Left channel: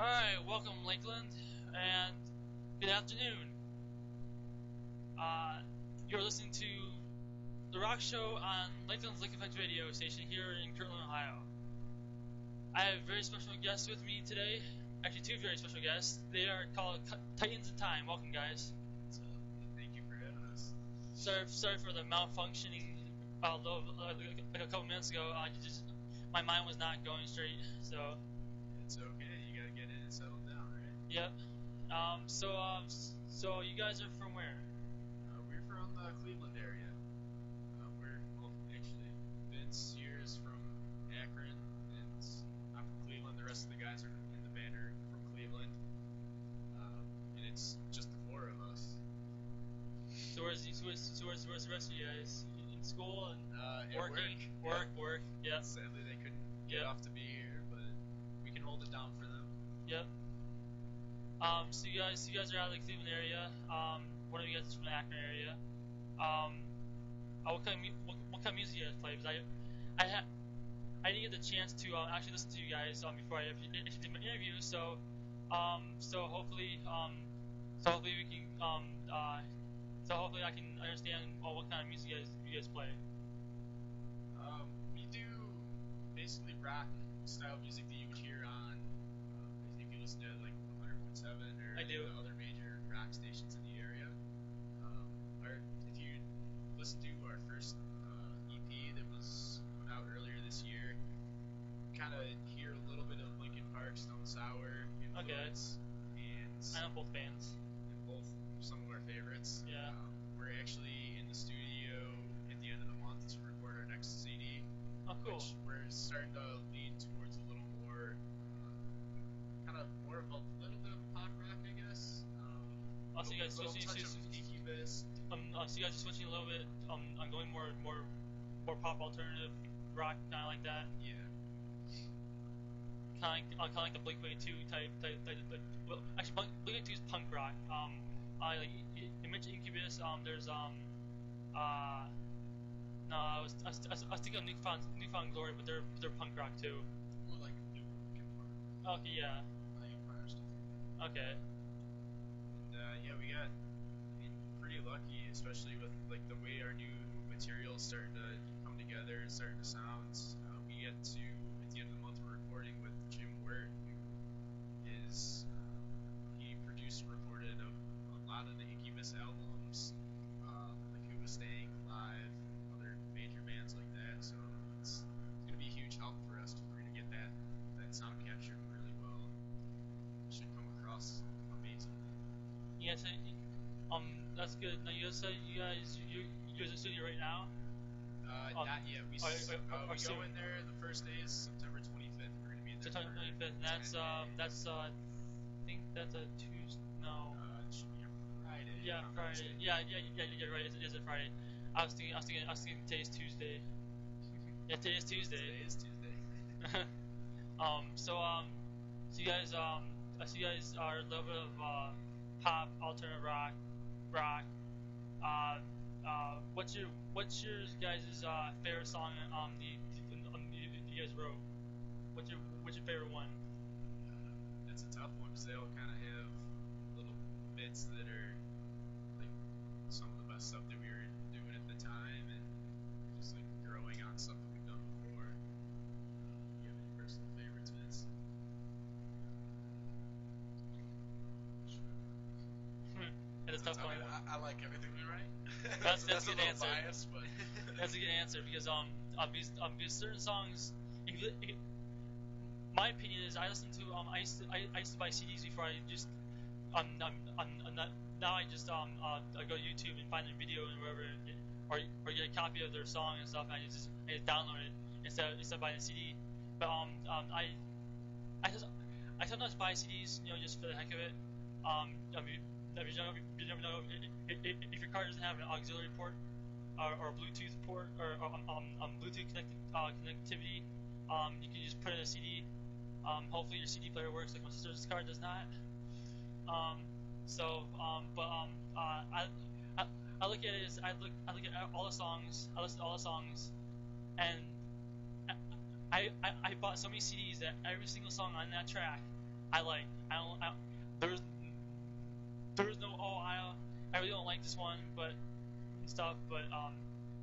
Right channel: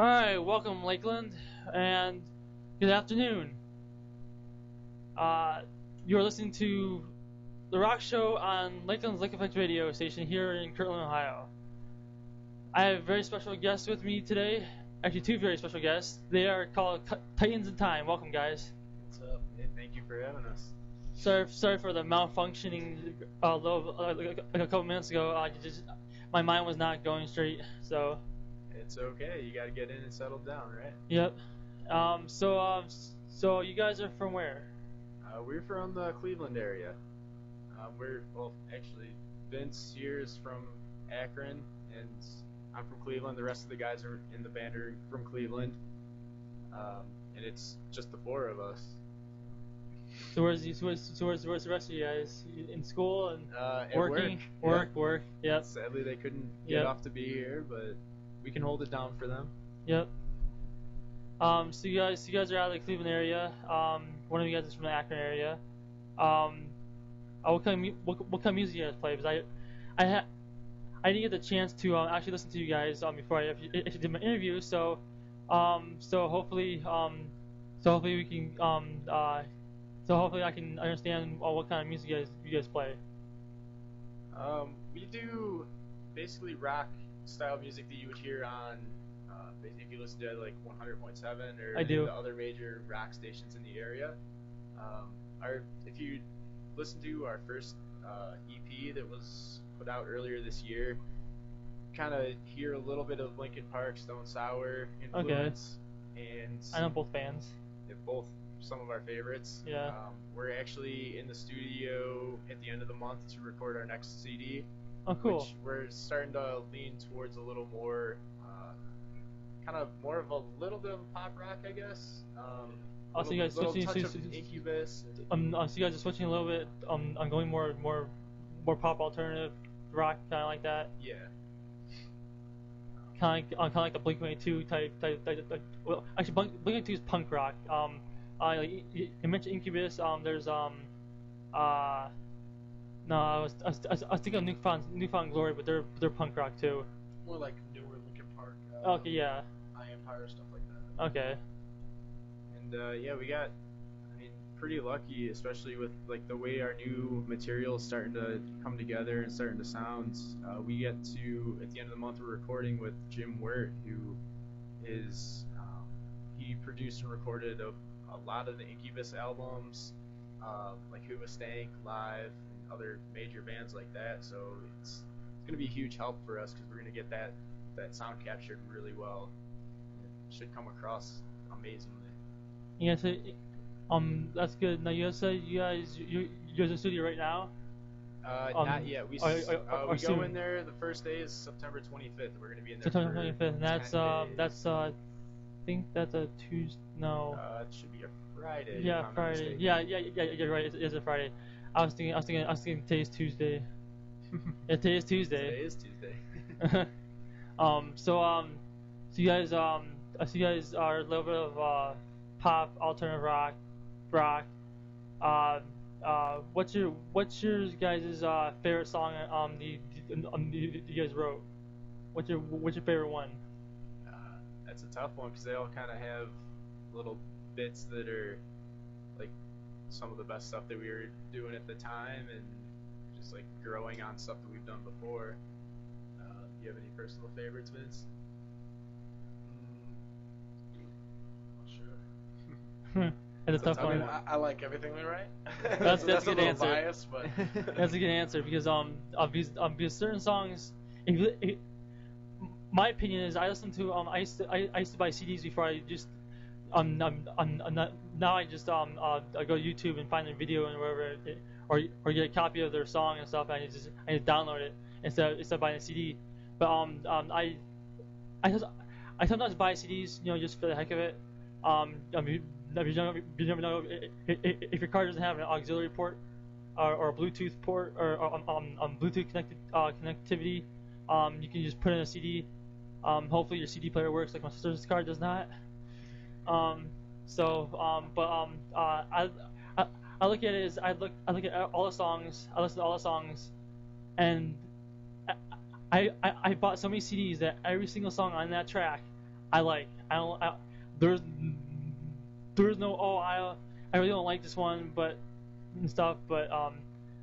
Alright, welcome Lakeland, and good afternoon. You're listening to The Rock Show on Lakeland's Lake Effect radio station here in Kirtland, Ohio. I have a very special guest with me today. Actually, two very special guests. They are called Titans in Time. Welcome, guys. What's up? Hey, thank you for having us. Sorry for the malfunctioning like a couple minutes ago. My mind was not going straight, so... It's okay. You got to get in and settle down, right? Yep. So you guys are from where? We're from the Cleveland area. Actually, Vince here is from Akron, and I'm from Cleveland. The rest of the guys are in the band are from Cleveland, and it's just the four of us. So where's the rest of you guys? In school and At working? Work. Yep. Sadly, they couldn't get off to be here, but we can hold it down for them. Yep. So you guys are out of the Cleveland area. One of you guys is from the Akron area. What kind of music you guys play? Because I didn't get the chance to actually listen to you guys before I actually did my interview. So hopefully we can hopefully I can understand what kind of music you guys play. We do basically rock style music that you would hear on, if you listen to like 100.7 or I do. The other major rock stations in the area. If you listen to our first EP that was put out earlier this year, kind of hear a little bit of Linkin Park, Stone Sour influence, and I know both bands. they're both some of our favorites. Yeah. We're actually in the studio at the end of the month to record our next CD. Oh, cool. Which we're starting to lean towards a little more, kind of more of a little bit of pop rock, I guess. So you guys switching touch of Incubus. so you guys are switching a little bit. I'm going more pop alternative rock, kind of like that. Yeah. Kind of like the Blink-182 type. Well, actually, Blink-182 is punk rock. Like you mentioned Incubus. There's No, I was thinking of Newfound Glory, but they're punk rock too. More like newer Linkin Park. Okay, yeah. Eye Empire, stuff like that. Okay. And we got pretty lucky, especially with like the way our new material is starting to come together and starting to sound. We get to at the end of the month we're recording with Jim Wirt, who is he produced and recorded a lot of the Incubus albums, like Who Was Staying Live, other major bands like that. So it's going to be a huge help for us because we're going to get that sound captured really well. It should come across amazingly. Yeah, so that's good. Now you said you're in the studio right now. Not yet. We go soon. in there. The first day is September 25th. We're going to be in there. September for 25th. And that's I think that's a Tuesday. No. It should be a Friday. Yeah, if I'm not Friday. mistaken. Yeah. You're right. It is a Friday. I was thinking today's Tuesday. Yeah, today is Tuesday. Today is Tuesday. So you guys are a little bit of pop, alternative rock. What's your guys' favorite song you guys wrote? What's your favorite one? That's a tough one because they all kind of have little bits that are like some of the best stuff that we were doing at the time, and just like growing on stuff that we've done before. Do you have any personal favorites, Vince? Sure. That's a tough one. I like everything we write. That's a a good little answer. biased, but That's a good answer because because certain songs, my opinion is I listen to I used to buy CDs before I just now I just I go to YouTube and find a video and wherever or get a copy of their song and stuff, and I just download it instead of buying a CD. But I sometimes buy CDs, just for the heck of it. You never know if your car doesn't have an auxiliary port or a Bluetooth port or Bluetooth connectivity. You can just put in a CD. Hopefully your CD player works, like my sister's car does not. I look at it as I look at all the songs. I listen to all the songs, and I bought so many CDs that every single song on that track I like. I don't. There's there's no I really don't like this one, but and stuff. But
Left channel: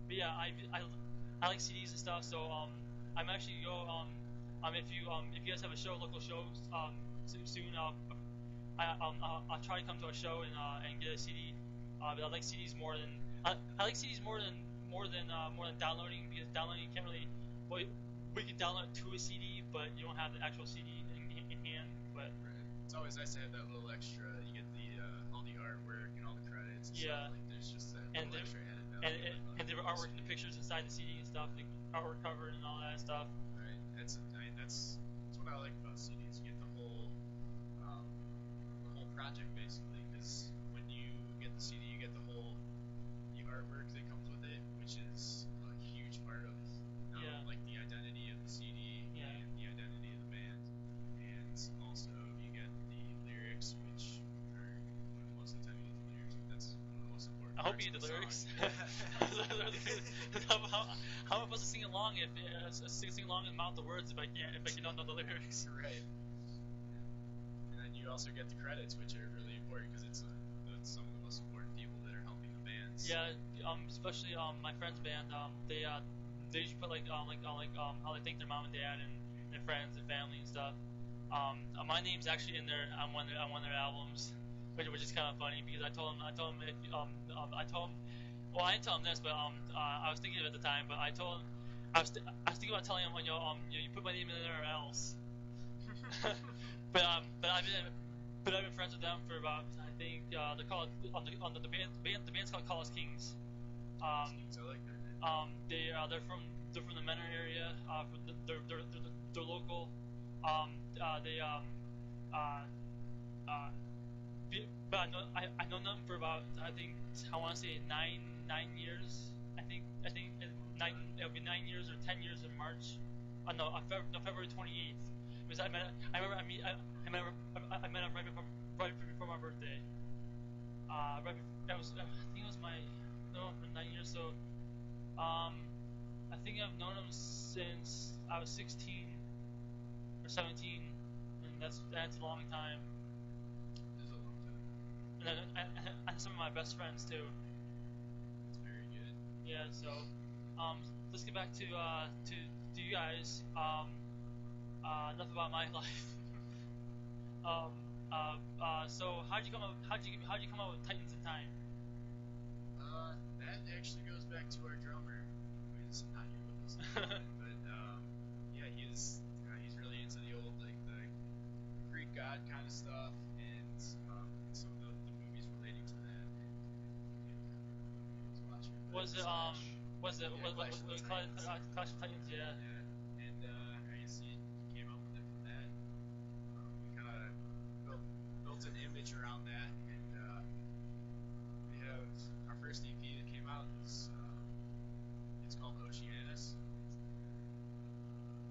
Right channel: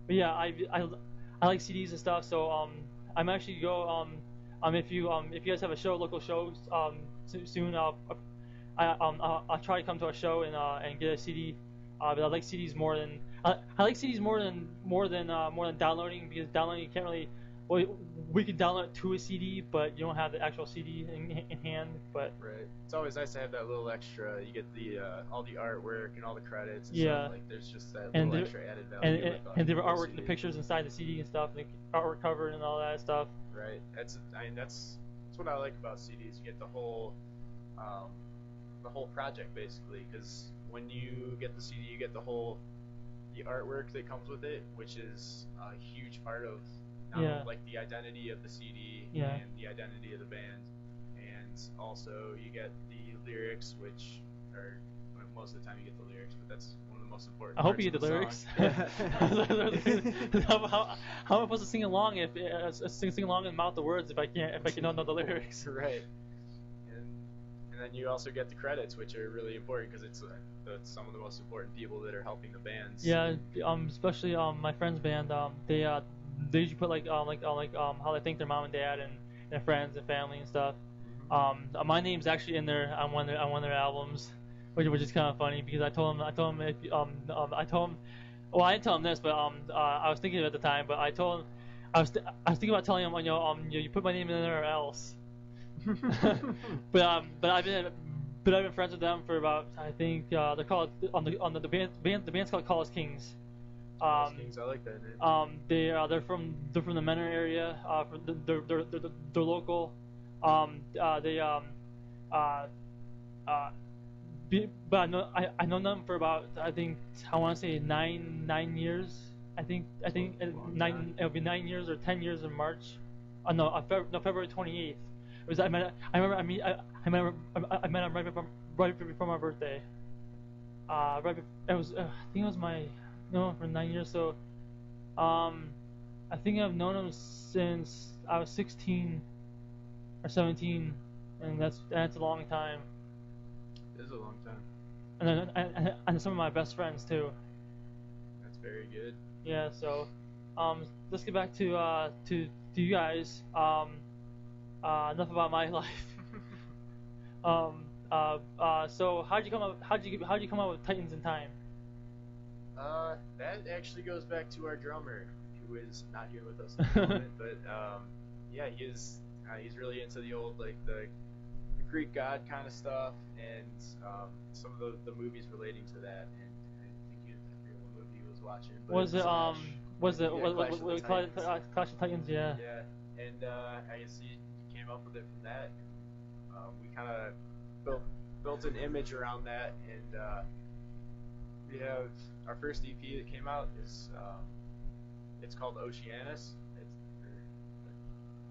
yeah, I like CDs and stuff. So I'm actually go if you guys have a show, local shows soon, I'll try to come to a show and get a CD. But I like CDs more than I like CDs more than downloading, because downloading you can't really. Well, we could download it to a CD, but you don't have the actual CD in hand. But Right. It's always nice to have that little extra. You get the all the artwork and all the credits. And Yeah. Stuff. Like there's just that and little there, extra added value. and there were with artwork, the CD. pictures inside the CD and stuff, the artwork cover and all that stuff. Right. That's what I like about CDs. You get the whole project basically, because when you get the CD, you get the artwork that comes with it, which is a huge part of Yeah. like the identity of the CD Yeah. and the identity of the band, and also you get the lyrics, which are most of the time you get the lyrics, but that's one of the most important. I hope parts you get of the lyrics. how am I supposed to sing along if sing along and mouth the words if I don't know the lyrics? Right. And then you also get the credits, which are really important because it's some of the most important people that are helping the bands. Yeah, especially my friend's band. They usually put like how they thank their mom and dad and their friends and family and stuff. My name's actually in there on one of their albums, which is kind of funny because I told him if well, I didn't tell him this, but I was thinking of it at the time, but I told him I was thinking about telling him, you put my name in there or else. but I've been friends with them for about, I think they're called the band's called Call Us Kings. I like that name. They're from the Menor area. They're local. But I know them for about, I think I want to say 9 years. I think it'll be 9 years or 10 years in March. February 28th. I met him right before my birthday. I think it was for 9 years. So I think I've known him since I was 16 or 17, and that's a long time. It is a long time. And some of my best friends too. That's very good. Yeah. So let's get back to you guys. Enough about my life. So how'd you come up with Titans in Time? That actually goes back to our drummer, who is not here with us at the moment. But yeah, he's really into the old the Greek god kind of stuff, and some of the movies relating to that. And what he was watching. Clash of Titans? Yeah. Yeah, and I guess he came up with it from that. We kind of built an image around that, and we have our first EP that came out is it's called Oceanus.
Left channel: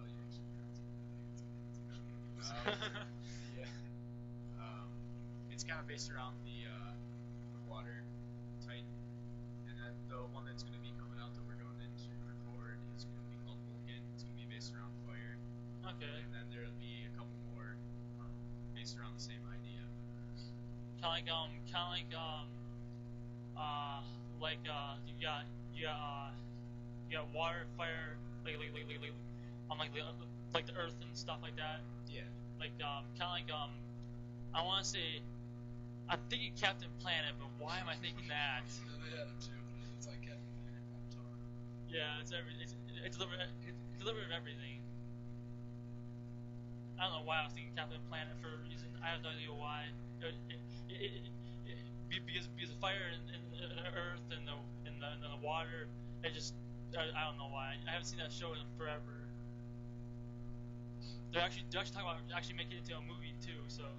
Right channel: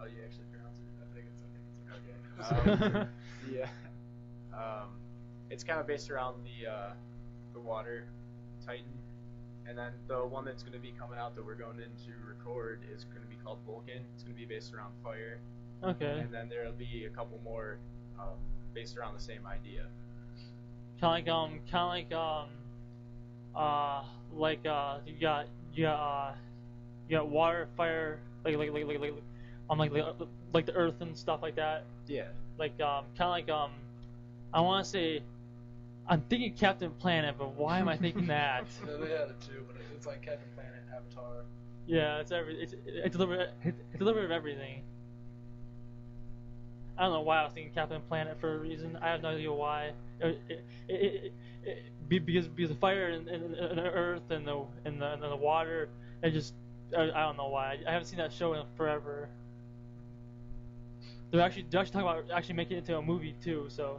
You actually pronounce it. I think it's okay. Yeah. It's kind of based around the water Titan, and then the one that's going to be coming out that we're going in to record is going to be called Vulcan. It's going to be based around fire. Okay. And then there'll be a couple more based around the same idea. You got water, fire, like the earth and stuff like that. Yeah. I want to say, I'm thinking Captain Planet, but why am I thinking that? No, they had it too, but it's like Captain Planet, Avatar. Yeah, it's a little bit of everything. I don't know why I was thinking Captain Planet for a reason. I have no idea why. Because the fire and the earth and the water, I don't know why. I haven't seen that show in forever. They're actually talking about making it into a movie too. So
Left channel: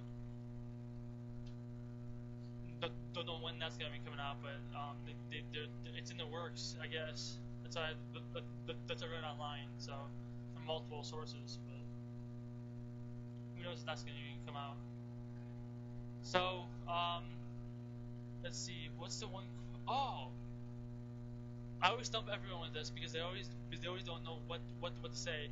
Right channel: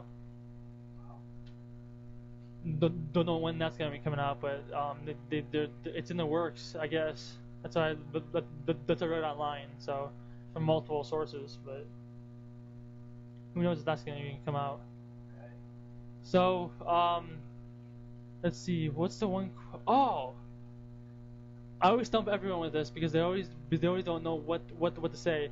don't know when that's gonna be coming out, but it's in the works, I guess. That's what I read online. So from multiple sources, but who knows if that's gonna even come out. So let's see. What's the one? Oh, I always stump everyone with this because they always don't know what to say.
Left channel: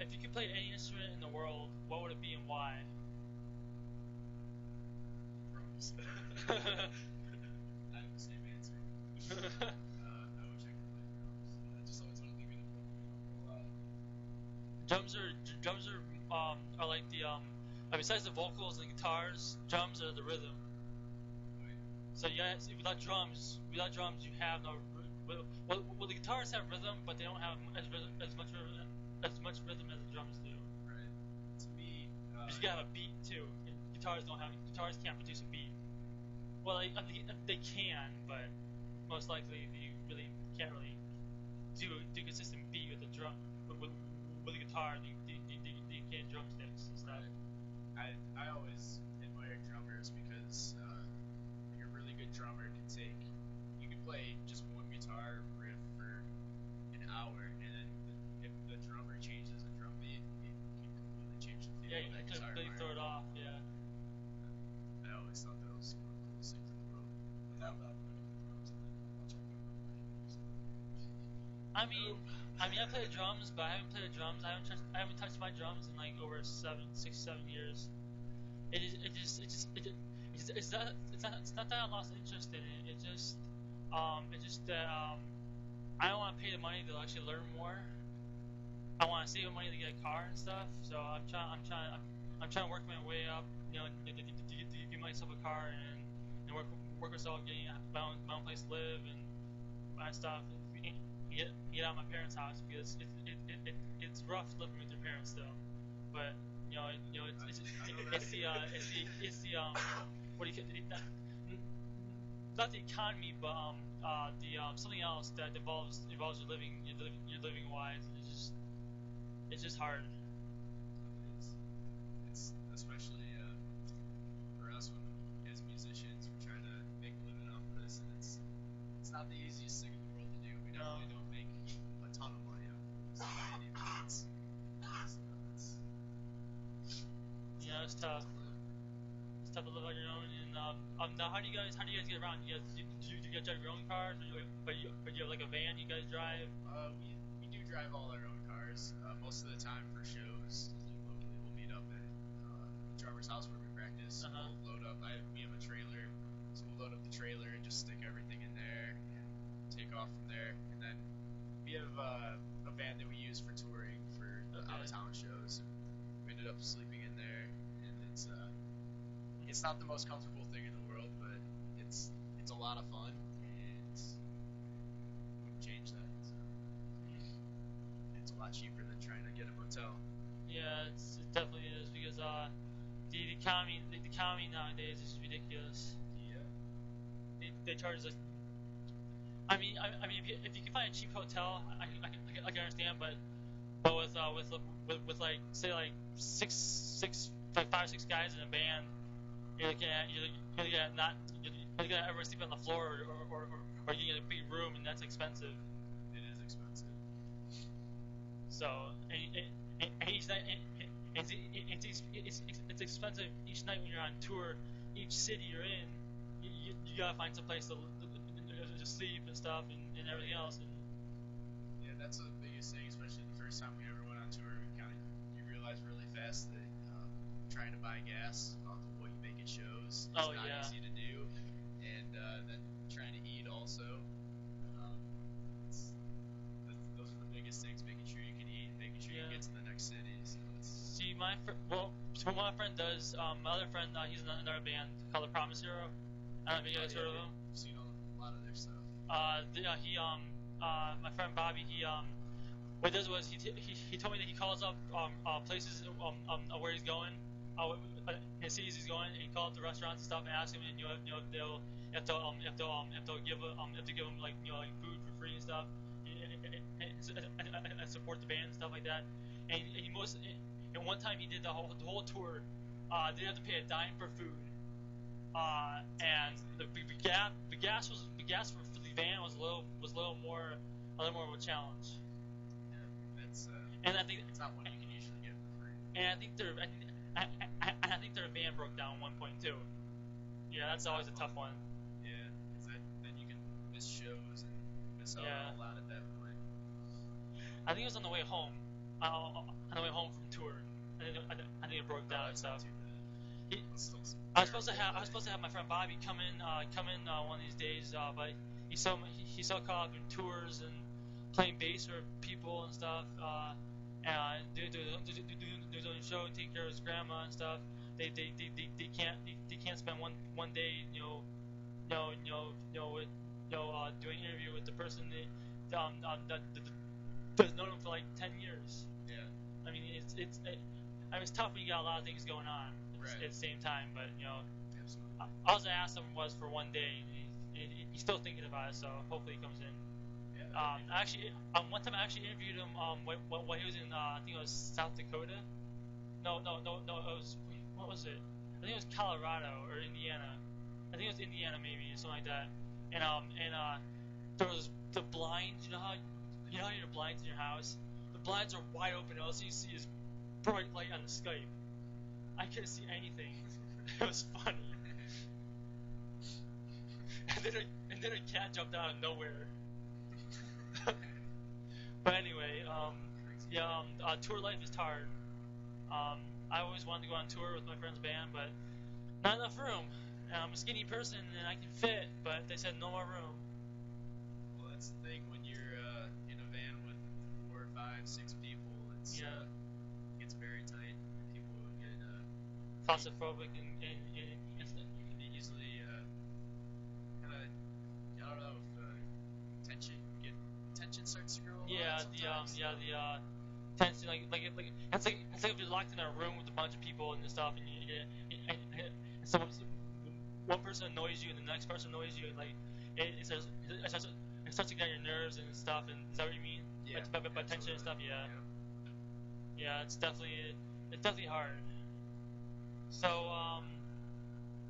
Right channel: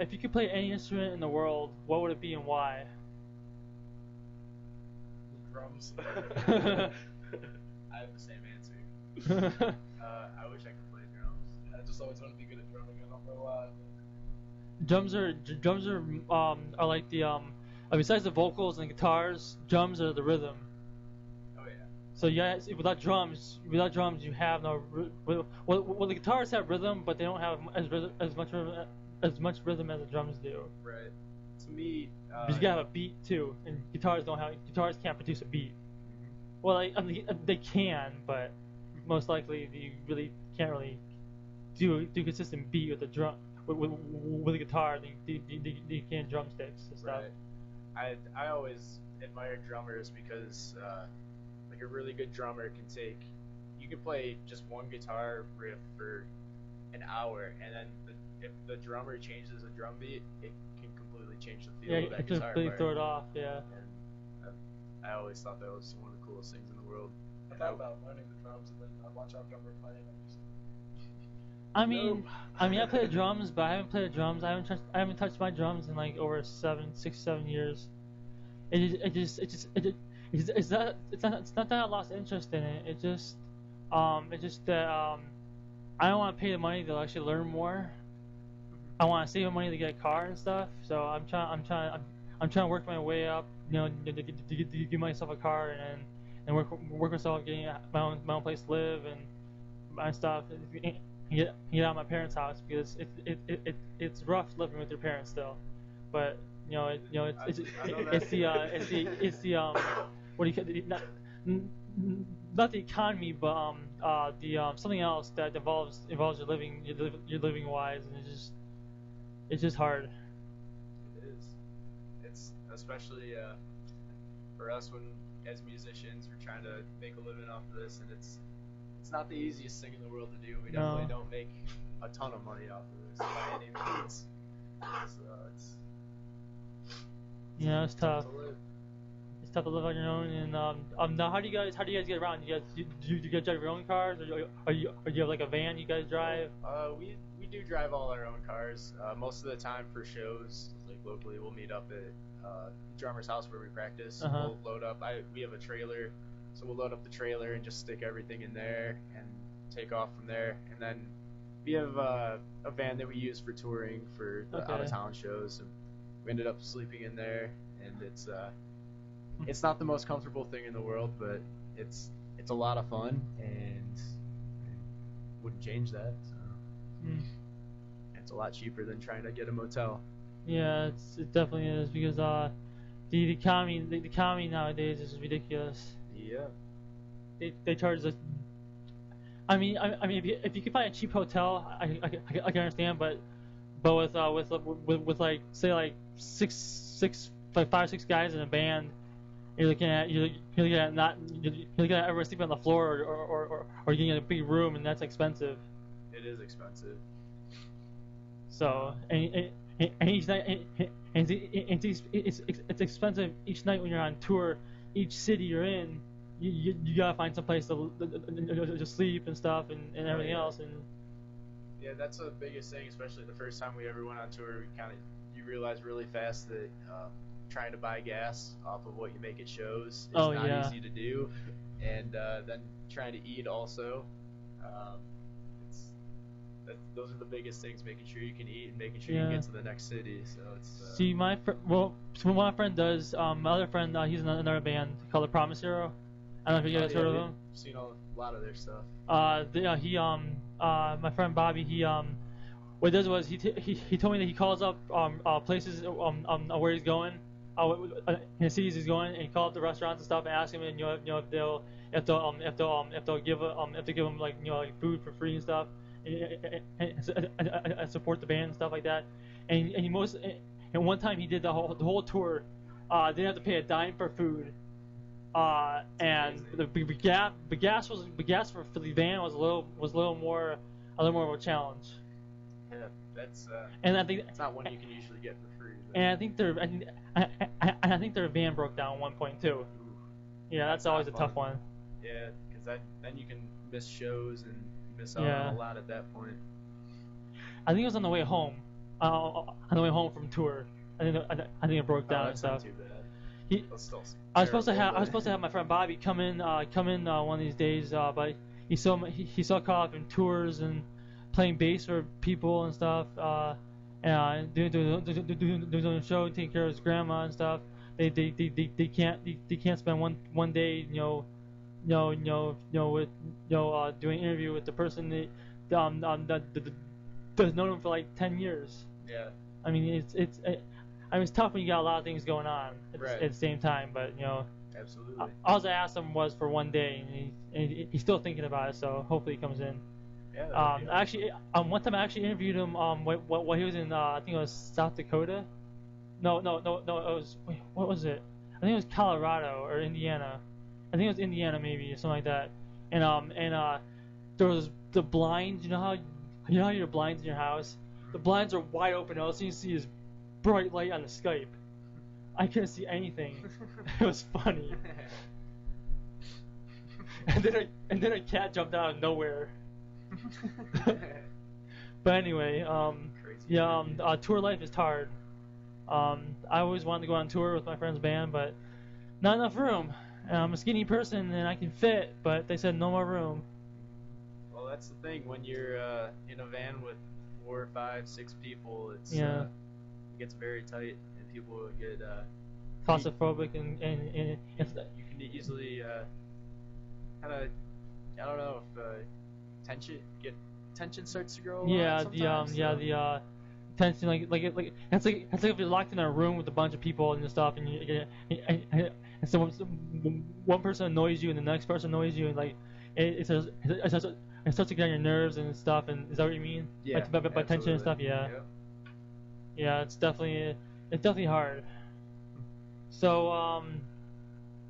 if you could play any instrument in the world, what would it be and why? Drums. I have the same answer. I wish I could play drums. I just always want to be good at drumming. I don't know why. Drums are like the besides the vocals and the guitars, drums are the rhythm. Oh yeah. So yeah, without drums, you have no. Well, the guitars have rhythm, but they don't have as much rhythm as the drums do. Right. To me, Because you gotta have a beat too, and guitars can't produce a beat. Well, I mean, they can, but most likely you really can't really do consistent beat with the drum with a guitar. You can drumsticks and stuff. right. I always admire drummers because like a really good drummer you can play just one guitar riff for an hour, and then if the drummer changes a drum beat, it can completely change the feel Yeah, of that it just guitar really part. throw it off. Yeah. I always thought that was one of the coolest things in the world. I thought about learning the drums, but I watch our drummer playing. I mean, I play the drums, but I haven't played the drums. I haven't touched my drums in like over 7 years. It's not that I lost interest in it. It's just that I don't want to pay the money to actually learn more. I want to save the money to get a car and stuff. So I'm trying to work my way up, to give myself a car and work myself getting my own place to live and my stuff. And get out of my parents' house because it's rough living with your parents still. But it's the what do you call it? Not the economy, but something else that involves your living wise, and it's just hard. It is. It's especially for us when as musicians we're trying to make a living off of this, and it's not the easiest thing in the world to do. We definitely don't make a ton of money off of this by any means. It's tough. to live. It's tough to live on your own. And now, how do you guys get around? Do you guys drive your own cars, or you have like a van you guys drive? We do drive all our own cars. Most of the time for shows, like locally, we'll meet up at drummer's house where we practice. Uh-huh. We'll load up. We have a trailer, so we'll load up the trailer and just stick everything in there and take off from there. And then we have a van that we use for touring for the Okay. out of town shows. And we ended up sleeping in there, and it's not the most comfortable thing in the world, but it's a lot of fun, and wouldn't change that. So. Mm. It's a lot cheaper than trying to get a motel. Yeah, it definitely is because the economy nowadays is ridiculous. Yeah. They charge us. I mean, if you can find a cheap hotel, I can understand, but with like say like five or six guys in a band, you're looking at everyone sleeping on the floor or getting in a big room, and that's expensive. It is expensive. So and each night it's expensive each night when you're on tour. Each city you're in, you gotta find some place to sleep and stuff and everything else. And Yeah, that's the biggest thing, especially the first time we ever went on tour. You realize really fast that trying to buy gas off of what you make at shows is Oh, not yeah. easy to do, and then trying to eat also. Those are the biggest things: making sure you can eat and making sure you Yeah. get to the next city. So it's see, so what my friend does, my other friend, he's in another band called The Promise Hero. I don't know if you guys heard of him. I've seen a lot of their stuff. My friend Bobby, what he does was he told me that he calls up places where he's going, in the cities he's going, and he calls up the restaurants and stuff and asks him, and if they'll give him like like food for free and stuff, and support the band and stuff like that. And one time he did the whole tour, didn't have to pay a dime for food. And the gas for the van was a little more of a challenge. Yeah, that's And I think it's not one you can usually get for free. But and I think their van broke down at one point too. Yeah, that's not always a fun. tough one. Yeah, because then you can miss shows and miss out Yeah. on a lot at that point. I think it was on the way home. on the way home from tour. I think it broke down and That's stuff. not too bad. He, That's still I was supposed to terrible, have but- my friend Bobby come in one of these days, but he's so caught up in tours and playing bass for people and stuff, and doing a show, taking care of his grandma and stuff. They can't spend one day with doing an interview with the person that's known him for like 10 years. Yeah. I mean it's tough when you got a lot of things going on Right. at the same time, but Absolutely. all I asked him was for one day, and he's still thinking about it. So hopefully he comes in. Yeah. that'd be awesome. Actually, one time I actually interviewed him while he was in I think it was South Dakota. No, it was what was it? I think it was Colorado or Indiana. I think it was Indiana maybe or something like that. And there was the blinds. You know how your blinds in your house? The blinds are wide open. All you see is bright light on the Skype. I couldn't see anything. It was funny. And then a cat jumped out of nowhere. But anyway, Crazy. tour life is hard. I always wanted to go on tour with my friend's band, but not enough room. And I'm a skinny person and I can fit, but they said no more room. Well, that's the thing. When you're in a van with 4, 5, 6 people, it gets very tight, and people get Claustrophobic and you can easily kind of, I don't know if tension starts to grow. A lot sometimes, so- tension like it's like if you're locked in a room with a bunch of people and stuff, and one person annoys you and the next person annoys you, and like it starts to get on your nerves and stuff. And is that what you mean? Yeah, by tension and stuff. absolutely. Yeah. Yep. Yeah, it's definitely hard. So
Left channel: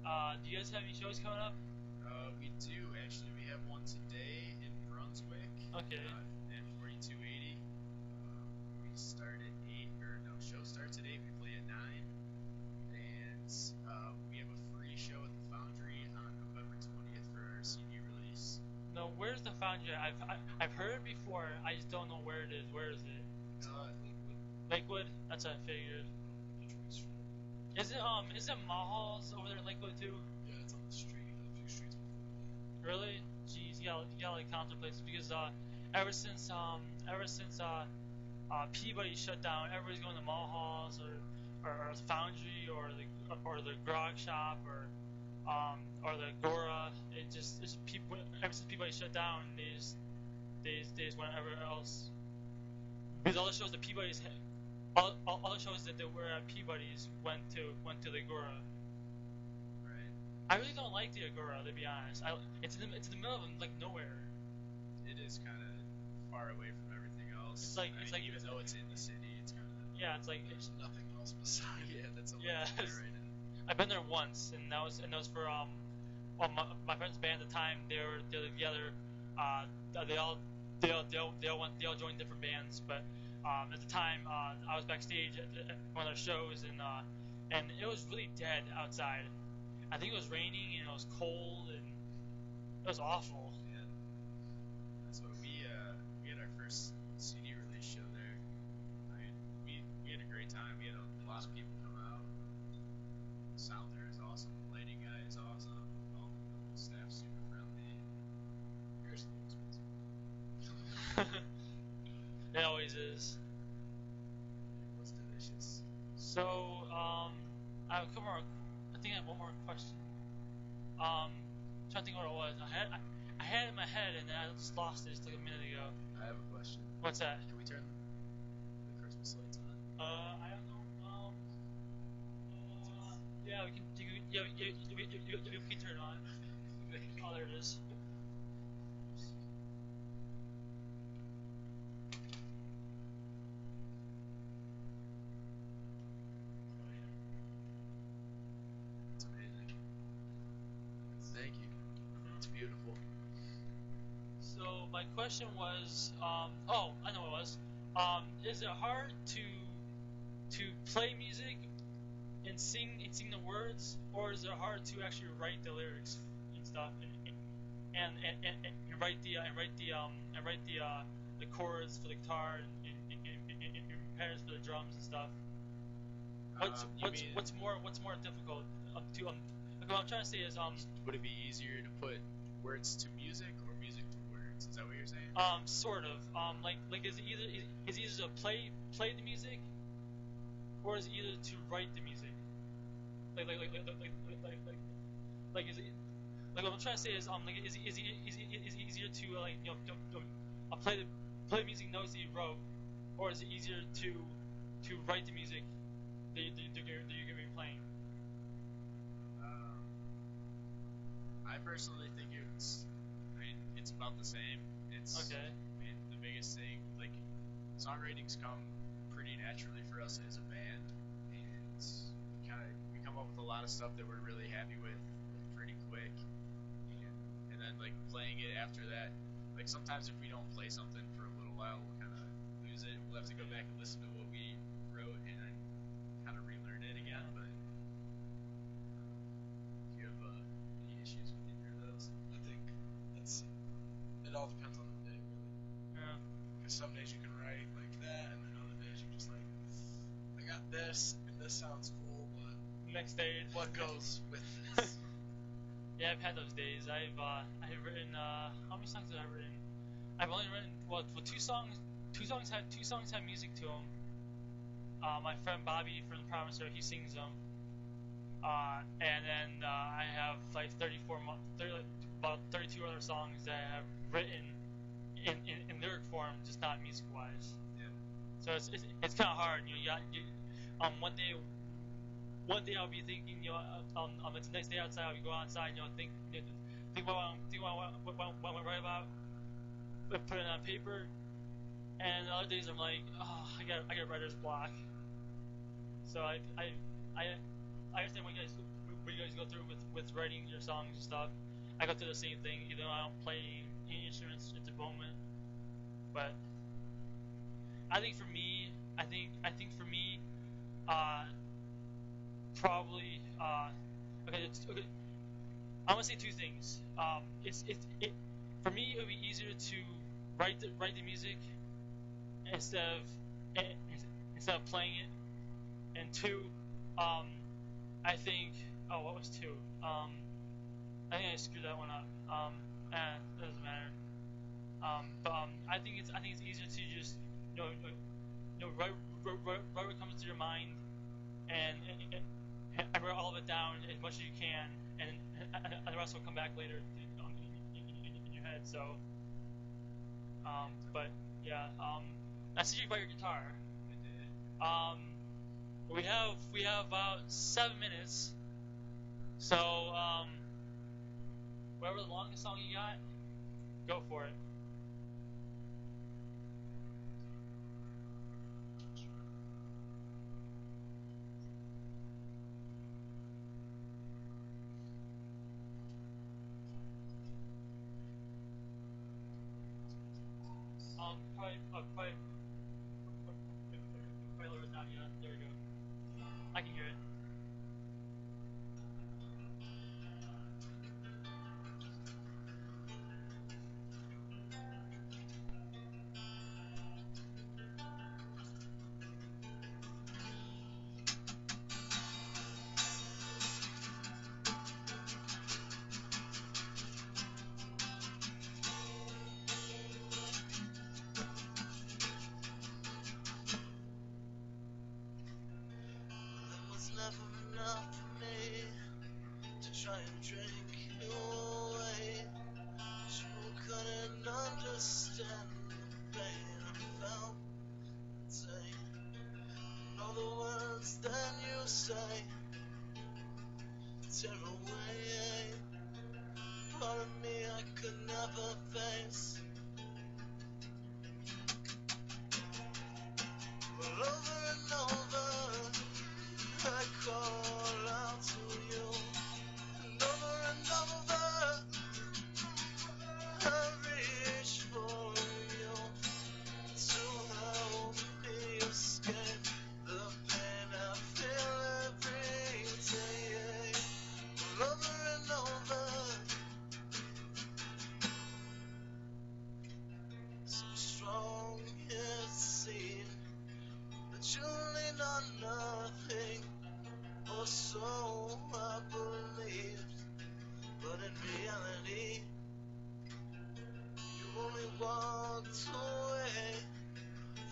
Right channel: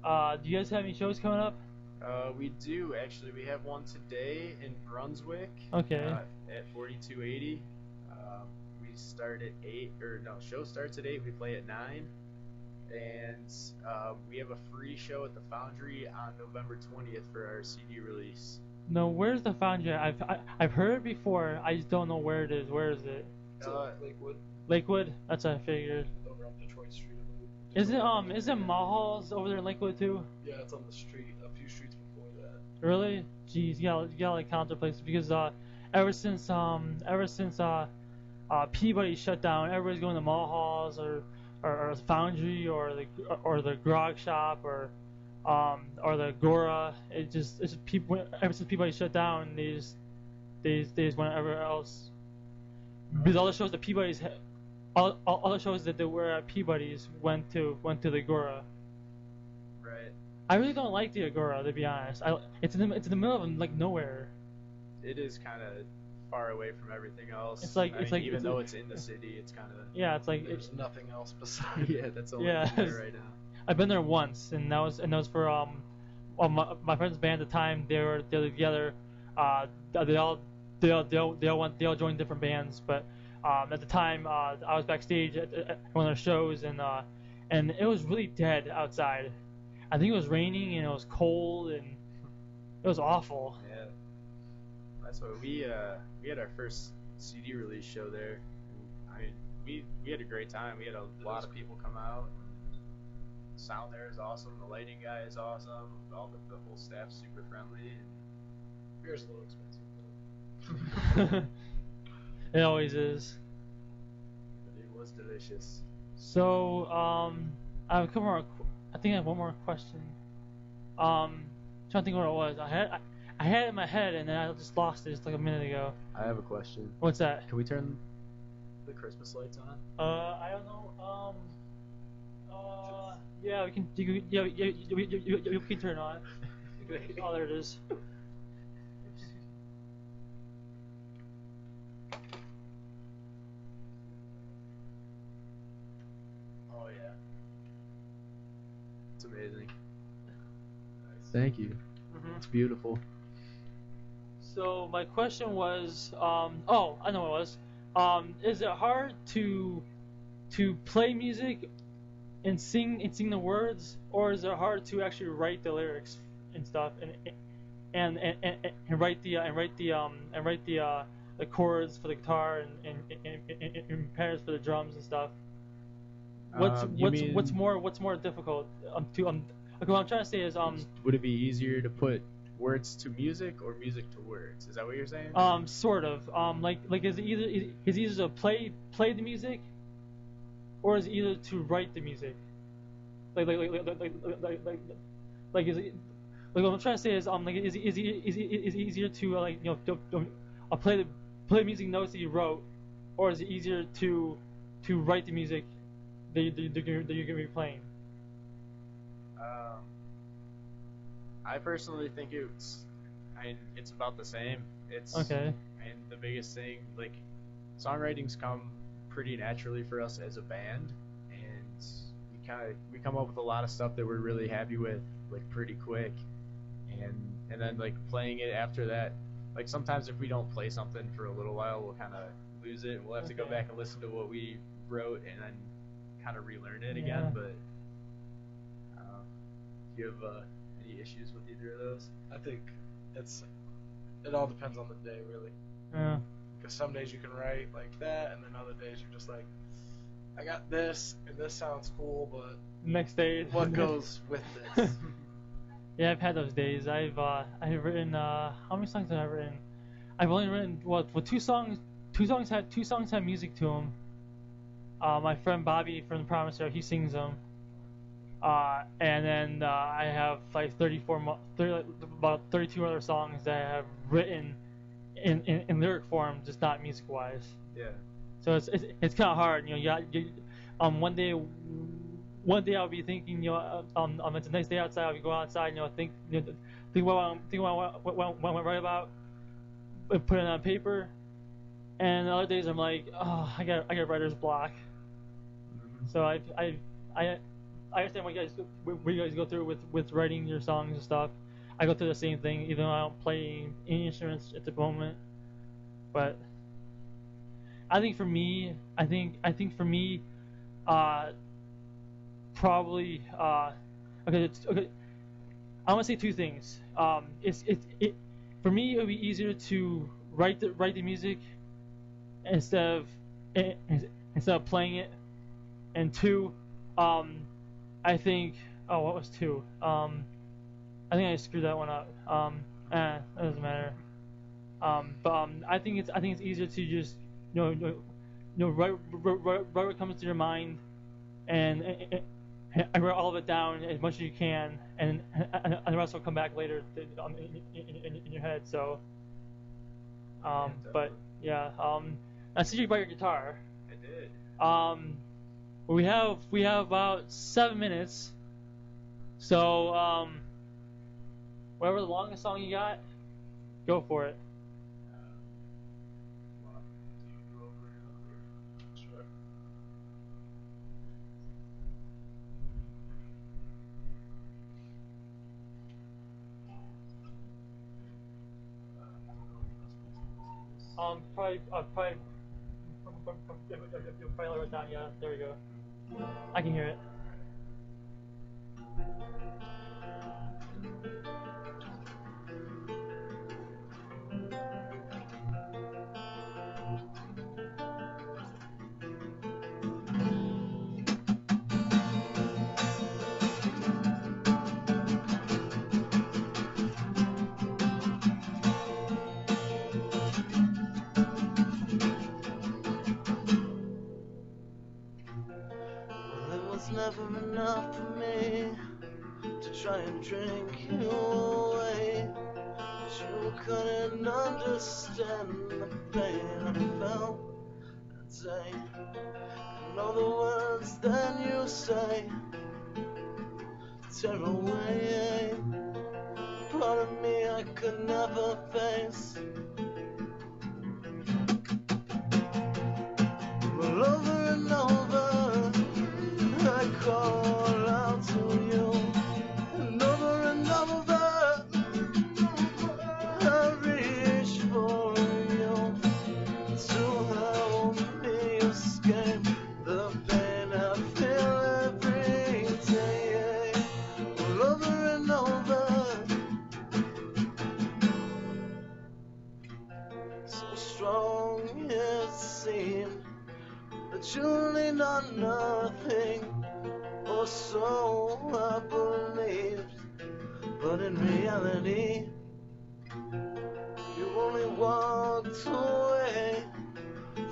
do you guys have any shows coming up? We do actually. We have one today in Brunswick. Okay. At 4280. We start at 8, or no, show starts at 8. We play at 9, and we have a free show at the Foundry on November 20th for our CD release. No, where's the Foundry? I've heard it before. I just don't know where it is. Where is it? It's Lakewood, Lakewood? That's what I figured. over on Detroit Street. Isn't Mulhall's over there in Lakewood too? Yeah, it's on the street, a few streets before that. Really? Jeez, you gotta like count the places because ever since Peabody shut down, everybody's going to Mulhall's or the Foundry or the Grog Shop or the Gora. It's just people. Ever since Peabody shut down, they just went everywhere else. Because all the shows that Peabody's all the shows that they were at Peabody's went to the Agora. Right. I really don't like the Agora, to be honest. It's in the middle of like nowhere. It is kind of far away from everything else. It's like- I it's mean, like- even it's though like- it's in the city, it's kind of Yeah, it's like There's nothing else besides. yeah. That's all Yeah. there right now. I've been there once, and that was for my friend's band at the time. They were together. They all joined different bands, but at the time I was backstage at one of their shows, and it was really dead outside. I think it was raining and it was cold and it was awful. Yeah. That's what we had our first CD release show there. I mean, we had a great time. We had a lot of people come out. The sound there is awesome. The lighting guy is awesome. All the whole staff's super friendly. Beer's a little expensive. It always is. It was delicious. So I have a couple more. I think I have one more question. Trying to think what it was. I had it in my head and then I just lost it just like a minute ago. I have a question. What's that? Can we turn the Christmas lights on? I don't know. Yeah, we can. We can turn it on. Oh, there it is. Oh yeah. It's amazing. Thank you. It's beautiful. So my question was, oh, I know what it was. Is it hard to play music and sing the words, or is it hard to actually write the lyrics and stuff and write the chords for the guitar and patterns for the drums and stuff. You What's mean, more difficult to okay, what I'm trying to say is would it be easier to put words to music or music to words? Is that what you're saying? sort of like is it either to play the music, or is it either to write the music? Like is it like what I'm trying to say is like is it easier to play the music notes that you wrote, or is it easier to write the music that you're gonna be playing? I personally think it's about the same. It's Okay. And the biggest thing, like, songwritings come pretty naturally for us as a band, and we come up with a lot of stuff that we're really happy with, like, pretty quick, and then like playing it after that. Like, sometimes if we don't play something for a little while, we'll kind of lose it. We'll have to go Okay. back and listen to what we wrote and then kind of relearn it again. Yeah. But do you have any issues with either of those? I think it all depends on the day, really. Yeah. Because some days you can write like that, and then other days you're just like, I got this, and this sounds cool, but Next day. what goes with this? Yeah, I've had those days. I've written how many songs have I written? I've only written two songs. Two songs have music to them. My friend Bobby from the Promisor, he sings them. And then I have like about 32 other songs that I have written in lyric form, just not music wise. Yeah. So it's kind of hard, one day I'll be thinking, it's a nice day outside. I'll be going outside, think what I write about, and put it on paper. And other days I'm like, oh, I got writer's block. So I understand what you guys go through with writing your songs and stuff. I go through the same thing, even though I don't play any instruments at the moment. But I think for me, probably okay. I want to say two things. For me, it would be easier to write the music instead of playing it. And two, I think. Oh, what was two? I think I screwed that one up. That doesn't matter. But I think it's easier to just write what comes to your mind, and write all of it down as much as you can, and the rest will come back later in your head. So, but yeah, I see you brought your guitar. I did. We have about 7 minutes. So, whatever the longest song you got, go for it. Probably lower it down. Yeah, there we go. I can hear it. Never enough for me to try and drink you away, but you couldn't understand the pain I felt that day. I know the words that you say tear away part of me I could never face. Well, over and over I call out to you, and over I reach for you to help me escape the pain I feel every day. Well, over and over or so I believed, but in reality, you only walked away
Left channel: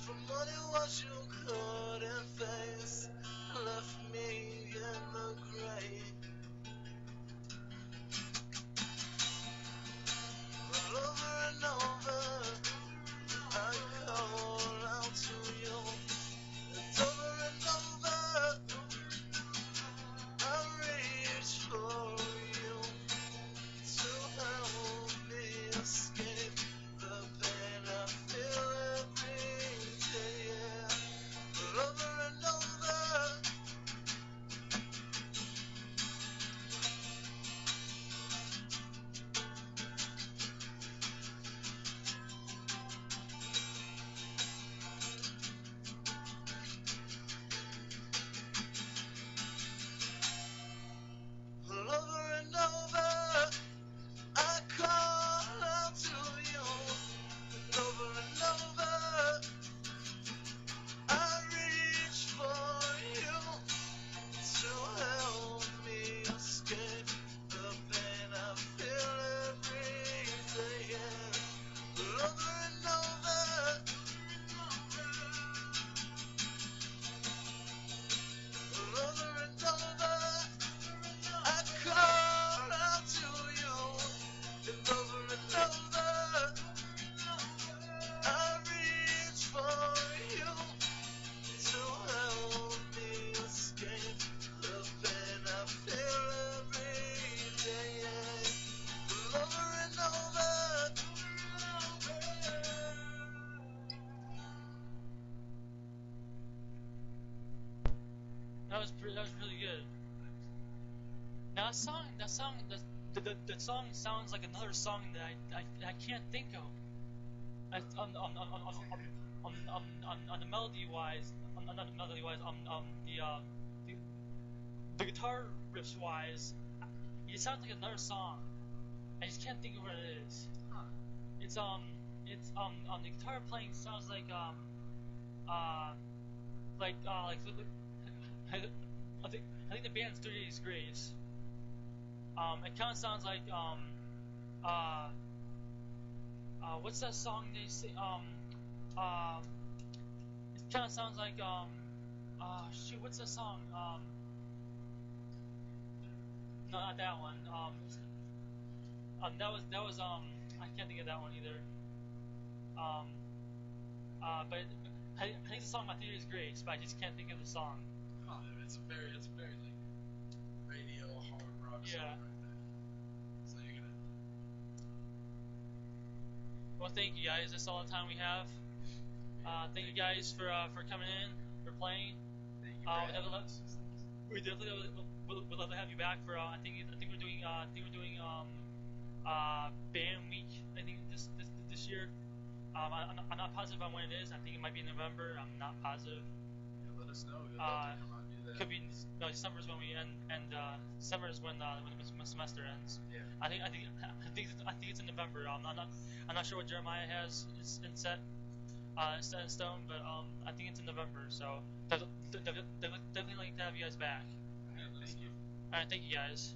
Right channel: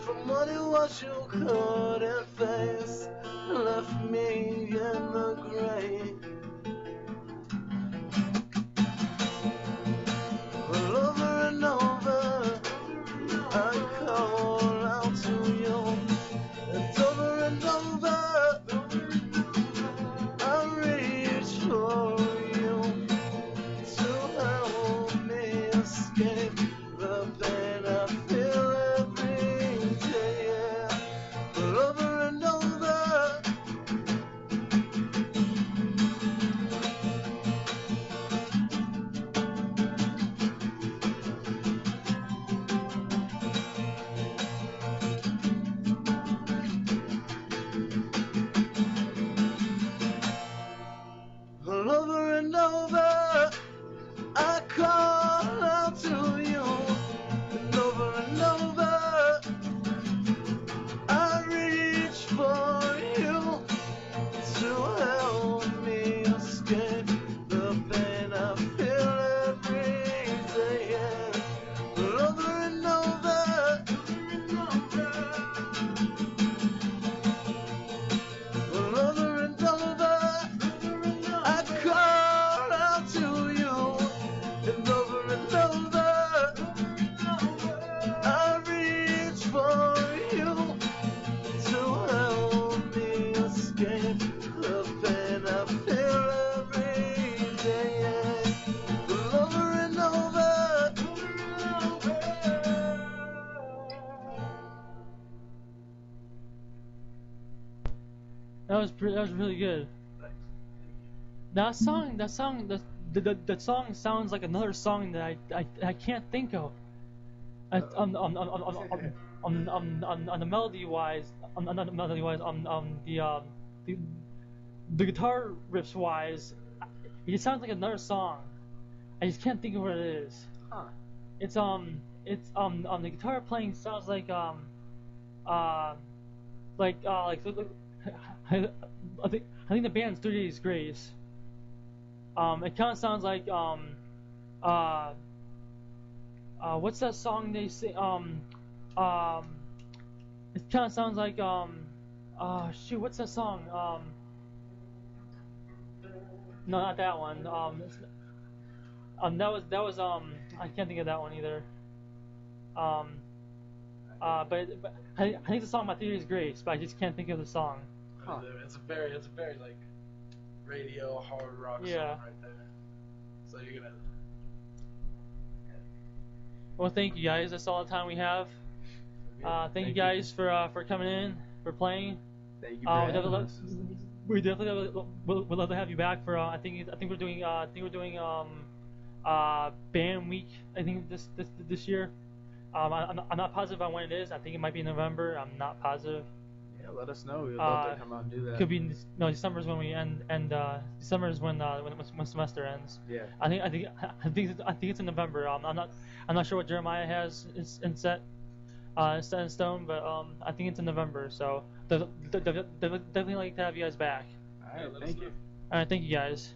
from what it was you couldn't face, left me in the grave. Well, over and over, I call out to you, and over, I reach for you to help me escape the pain I feel every day. Yeah. Well, over and over. Well, over and over, I call out to you, and over, I reach for you to help me escape the pain I feel every day. Yeah. Well, over and over, well, over and over. I call out to you, and over, I reach for you to help me escape the pain I feel every day. Yeah. Over and over. That was really good. That song, that song sounds like another song that I can't think of. On the melody wise, the guitar riffs wise, it sounds like another song. I just can't think of what it is. Huh. It's the guitar playing sounds like I think the band's 3 Days Grace. It kind of sounds like what's that song they say? It kind of sounds like shoot, what's that song? No, not that one. That was I can't think of that one either. But I think the song by 3 Days Grace, but I just can't think of the song. Huh. It's a very like radio hard rock Yeah. song right there. So you're gonna. Well, thank you guys. That's all the time we have. Thank you guys for coming in, for playing. Thank you for We definitely would love to have you back for. I think we're doing band week. I think this year. I'm not positive on when it is. I think it might be in November. I'm not positive. Yeah, let us know. We'd love to come out and do that. Could be December is when we end, and December is when semester ends. Yeah. I think it's in November. I'm not sure what Jeremiah has in set in stone, but I think it's in November. So definitely like to have you guys back. All right. Thank you. All right, thank you guys.